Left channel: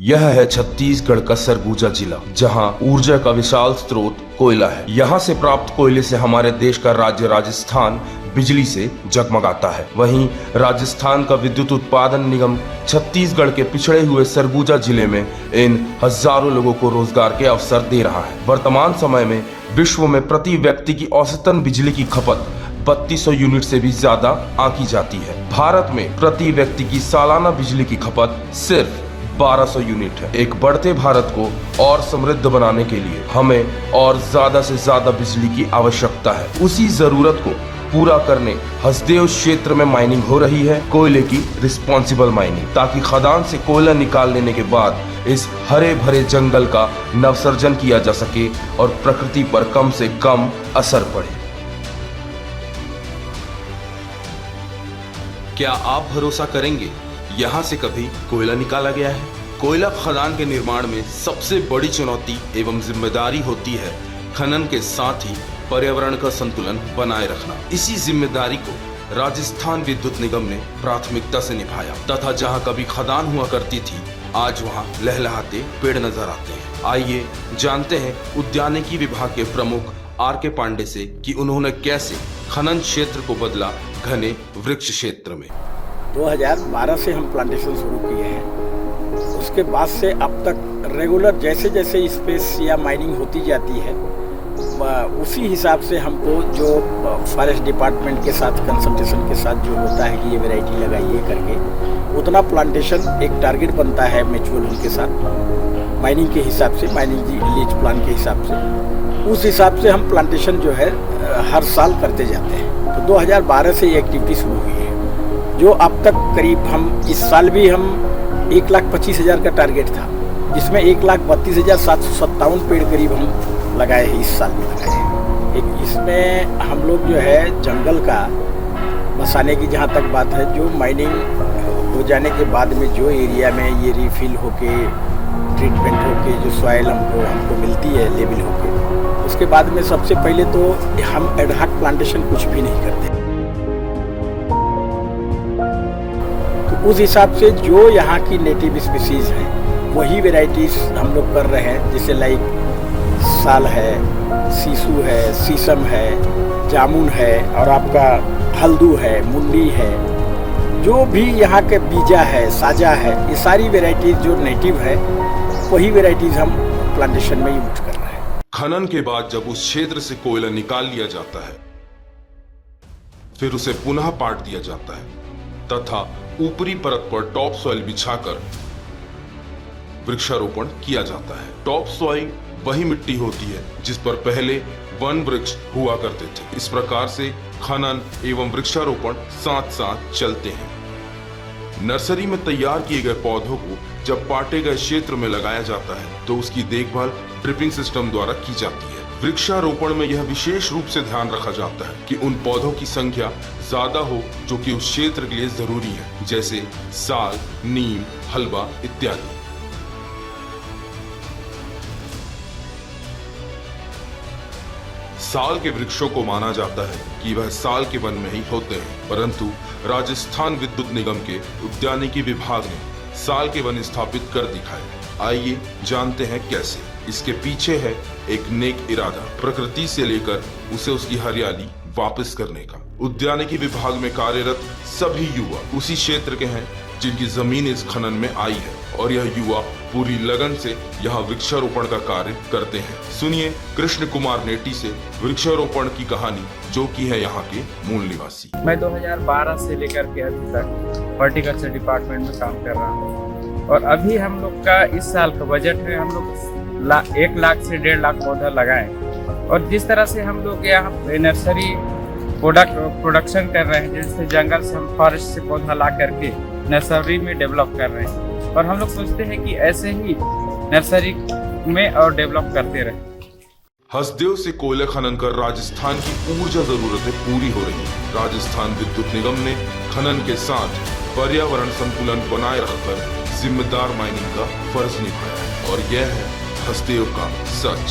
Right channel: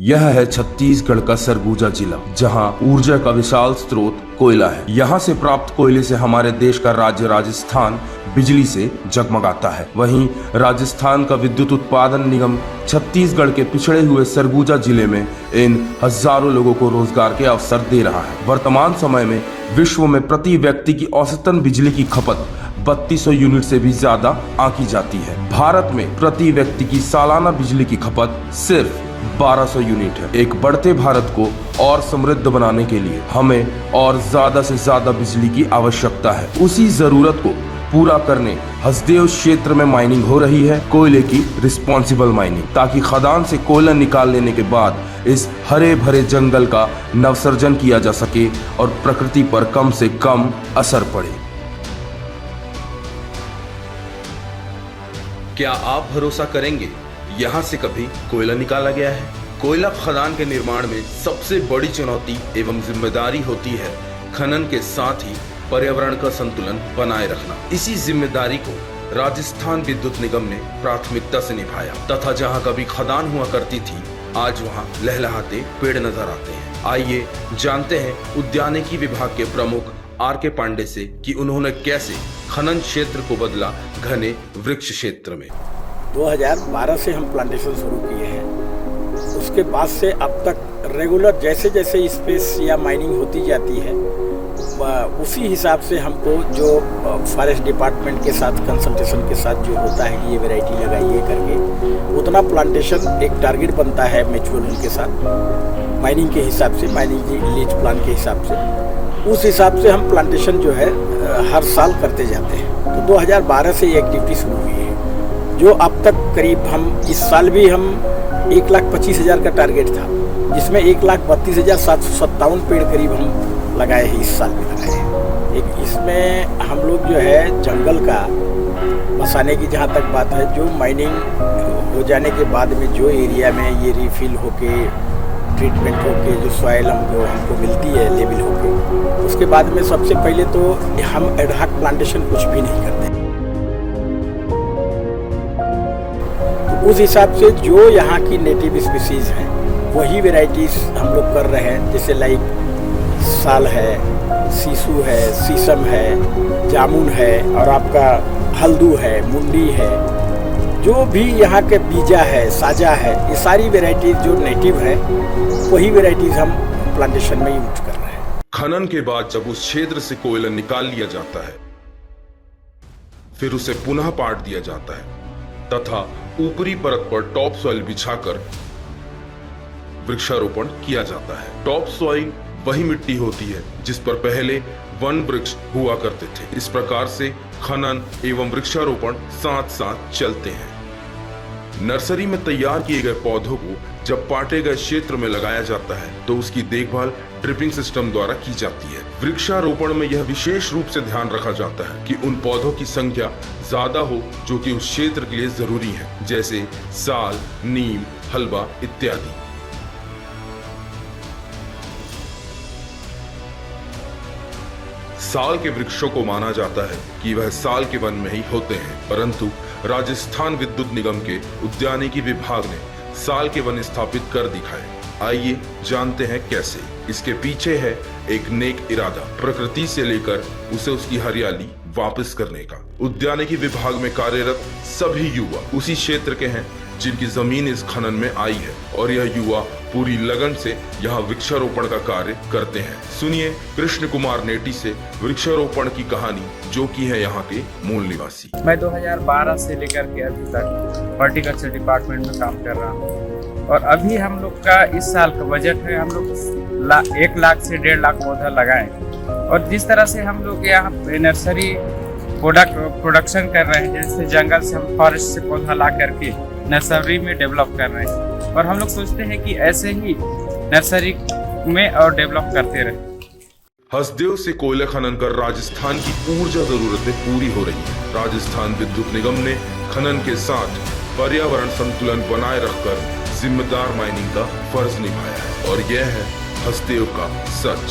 यह है छत्तीसगढ़ का सरगुजा जिला, जहां ऊर्जा का विशाल स्रोत कोयला है। यहां से प्राप्त कोयले से हमारे देश का राज्य राजस्थान बिजली से जगमगाता है। वहीं राजस्थान का विद्युत उत्पादन निगम छत्तीसगढ़ के पिछड़े हुए सरगुजा जिले में इन हजारों लोगों को रोजगार के अवसर दे रहा है। वर्तमान समय में विश्व में प्रति व्यक्ति की औसतन बिजली की खपत 3200 यूनिट से भी ज्यादा आंकी जाती है। भारत में प्रति व्यक्ति की सालाना बिजली की खपत सिर्फ 1200 यूनिट है। एक बढ़ते भारत को और समृद्ध बनाने के लिए हमें और ज्यादा से ज्यादा बिजली की आवश्यकता है। उसी जरूरत को पूरा करने हसदेव क्षेत्र में माइनिंग हो रही है, कोयले की रिस्पॉन्सिबल माइनिंग, ताकि खदान से कोयला निकाल लेने के बाद इस हरे भरे जंगल का नवसर्जन किया जा सके और प्रकृति पर कम से कम असर पड़े। क्या आप भरोसा करेंगे, यहाँ से कभी कोयला निकाला गया है? कोयला खदान के निर्माण में सबसे बड़ी चुनौती एवं जिम्मेदारी होती है खनन के साथ ही पर्यावरण का संतुलन बनाए रखना। इसी जिम्मेदारी को राजस्थान विद्युत निगम ने प्राथमिकता से निभाया तथा जहां कभी खदान हुआ करती थी, आज वहां लहलहाते पेड़ नजर आते हैं। आइए जानते हैं उद्यानिकी विभाग के प्रमुख R.K. पांडे से कि उन्होंने कैसे खनन क्षेत्र को बदला घने वृक्ष क्षेत्र में। 2012 से हम प्लांटेशन शुरू किए हैं। उसके बाद से अब तक रेगुलर जैसे जैसे स्पेस या माइनिंग होती जाती है, उसी हिसाब से हमको जो फॉरेस्ट डिपार्टमेंट के साथ कंसल्टेशन के साथ जो होता है कि ये वैरायटी लगाइए करके, उतना प्लांटेशन एक टारगेट बनता है म्यूचुअल उनके साथ माइनिंग के हिसाब से, माइनिंग लीज प्लान के हिसाब से। उस हिसाब से हम प्लांटेशन जो है हर साल करते जाते हैं। तो 2012 से ये एक्टिविटी शुरू हुई है, जो अब तक करीब हम इस साल भी हम 1,25,000 का टारगेट था, जिसमें 1,32,757 पेड़ करीब हम लगाए हैं, इस साल में लगाए हैं। एक इसमें हम लोग जो है जंगल का बसाने की जहाँ तक बात है, जो माइनिंग हो जाने के बाद में जो एरिया में ये रिफिल होके ट्रीटमेंट होके जो सॉइल हमको मिलती है लेवल होके, उसके बाद में सबसे पहले तो हम एडहॉक प्लांटेशन कुछ भी नहीं करते। तो उस हिसाब से जो यहाँ की नेटिव स्पीसीज हैं वही वेराइटीज हम लोग कर रहे हैं, जैसे लाइक साल है, सीसू है, शीशम है, जामुन है और आपका हल्दू है, मुंडी है, जो भी यहाँ के बीजा है, साजा है, ये सारी वेराइटीज जो नेटिव है वही वेराइटीज हम प्लांटेशन में यूज कर रहे हैं। खनन के बाद जब उस क्षेत्र से कोयला निकाल लिया जाता है, फिर उसे पुनः पाट दिया जाता है तथा ऊपरी परत पर टॉप सॉइल बिछाकर वृक्षारोपण किया जाता है। टॉप सॉइल वही मिट्टी होती है जिस पर पहले वन वृक्ष हुआ करते थे। इस प्रकार से खनन एवं वृक्षारोपण साथ साथ चलते हैं। नर्सरी में तैयार किए गए पौधों को जब पाटे गए क्षेत्र में लगाया जाता है तो उसकी देखभाल ड्रिपिंग सिस्टम द्वारा की जाती है। वृक्षारोपण में यह विशेष रूप से ध्यान रखा जाता है कि उन पौधों की संख्या ज्यादा हो जो कि उस क्षेत्र के लिए जरूरी है, जैसे साल, नीम, हलवा इत्यादि। साल के वृक्षों को माना जाता है कि वह साल के वन में ही होते हैं, परंतु राजस्थान विद्युत निगम के उद्यानिकी विभाग ने साल के वन स्थापित कर दिखाए। आइए जानते हैं कैसे। इसके पीछे है एक नेक इरादा, प्रकृति से लेकर उसे उसकी हरियाली वापस करने का। उद्यानिकी विभाग में कार्यरत सभी युवा उसी क्षेत्र के हैं जिनकी जमीन इस खनन में आई है और यह युवा पूरी लगन से यहाँ वृक्षारोपण का कार्य करते हैं। सुनिए कृष्ण कुमार नेटी से वृक्षारोपण की कहानी, जो की है यहाँ के मूल निवासी। मैं 2012 से लेकर के अभी तक हॉर्टिकल्चर डिपार्टमेंट में काम कर रहा हूँ और अभी हम लोग का इस साल का बजट है, हम लोग 1 लाख से 1.5 लाख पौधा लगाएं। और जिस तरह से हम लोग यहाँ नर्सरी प्रोडक्शन कर रहे हैं, जैसे जंगल से हम फॉरेस्ट से पौधा ला करके नर्सरी में डेवलप कर रहे हैं और हम लोग सोचते हैं कि ऐसे ही नर्सरी में और डेवलप करते रहे। हसदेव से कोयला खनन कर राजस्थान की ऊर्जा जरूरतें पूरी हो रही है। राजस्थान विद्युत निगम ने खनन के साथ पर्यावरण संतुलन बनाए रखकर जिम्मेदार माइनिंग का फर्ज निभाया है और यह है हसदेव का सच।